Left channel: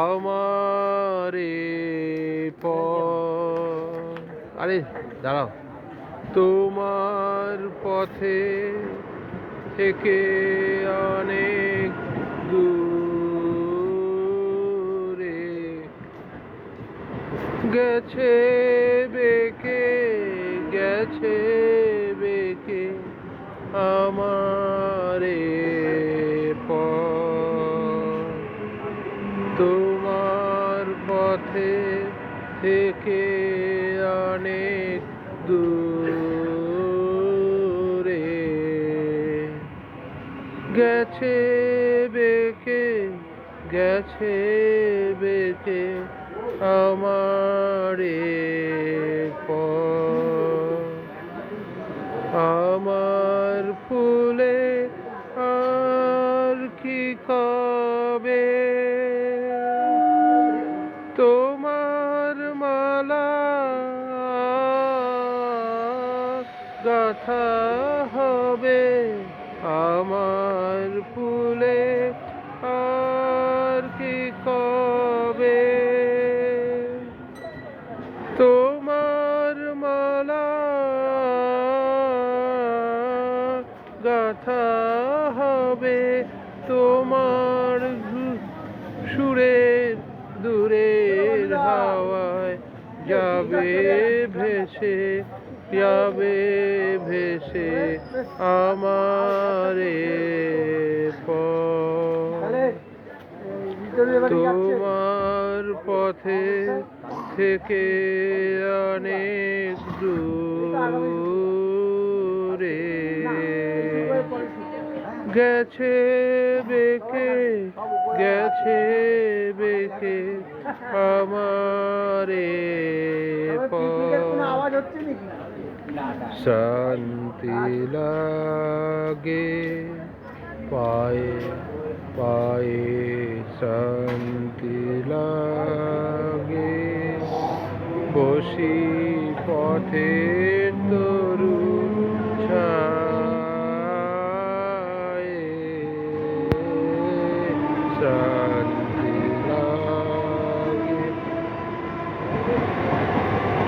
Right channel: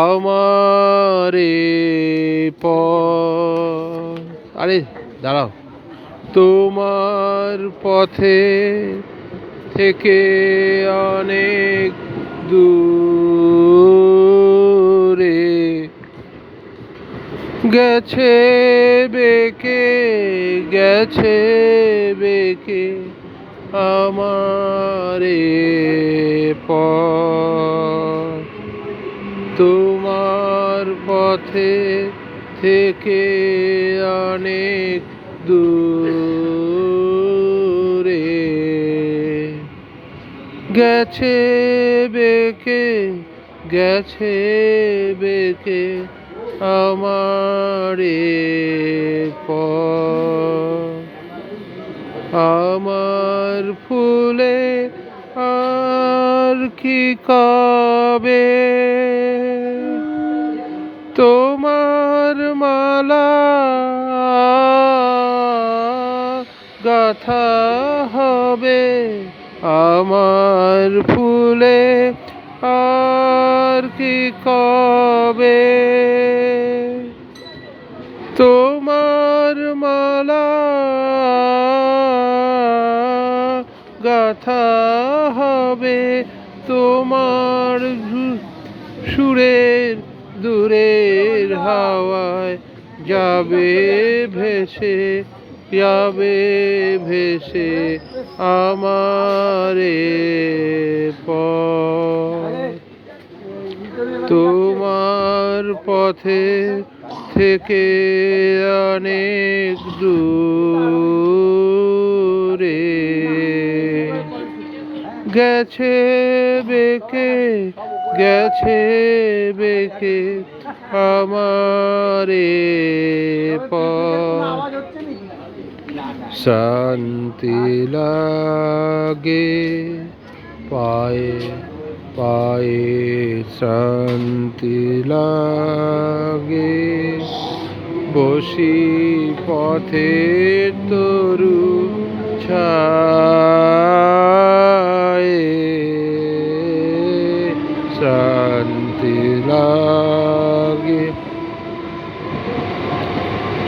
আমারে পথ। আরে দাঁড়াও। তোমার পথে থেকে অনেক দূরে গেছে বেঁকে, গেছে বেঁকে আমারে পথ। তোমার পথে থেকে অনেক দূরে গেছে বেঁকে, গেছে বেঁকে আমারে পথ। আমার ফুলে আর কি কবে, তোমার মালা গাথা হবে। আমার ফুলে আর কি কবে, তোমার মালা গাথা হবে। তোমার সুরের দূরের হাওয়ায় যাবে ভেসে, যাবে ভেসে আমারে পথ। তোমার পথে থেকে অনেক দূরে গেছে বেঁকে, গেছে বেঁকে আমারে পথ। শান্তি লাগে পায়ে, পায়ে শান্তি লাগে বসি পথে তরু ছায়ে। শান্তি লাগে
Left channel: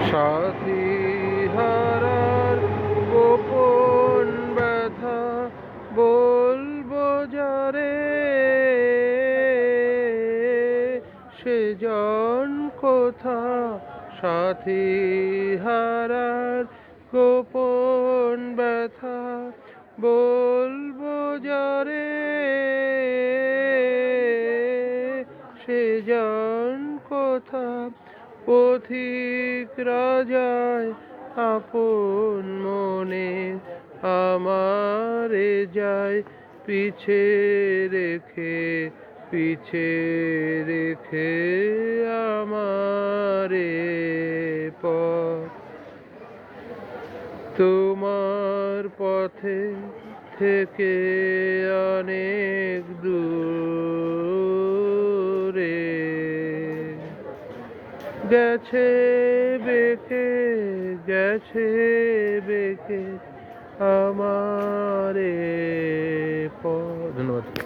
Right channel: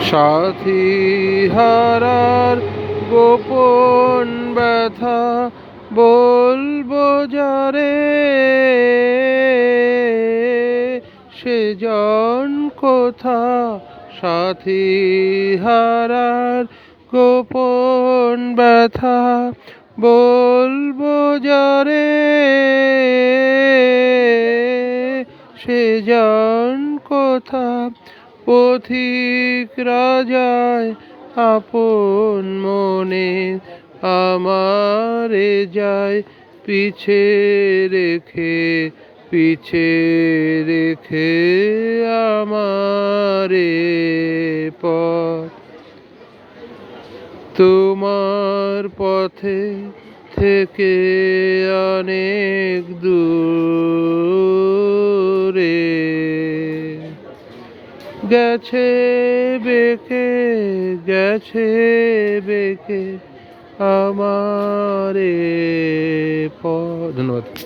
সাথী হারার গোপন ব্যথা বলবো যারে, সেজন কোথা। সাথী হারার গোপন ব্যথা বলবো যারে, সেজন কোথা। পথিক রাজায় আপন মনে আমারে যায় পিছে রেখে, পিছে রেখে আমারে পথ। তোমার পথে থেকে অনেক দূরে গেছে বেঁকে, গেছে বেঁকে আমারে পথ। ধন্যবাদ।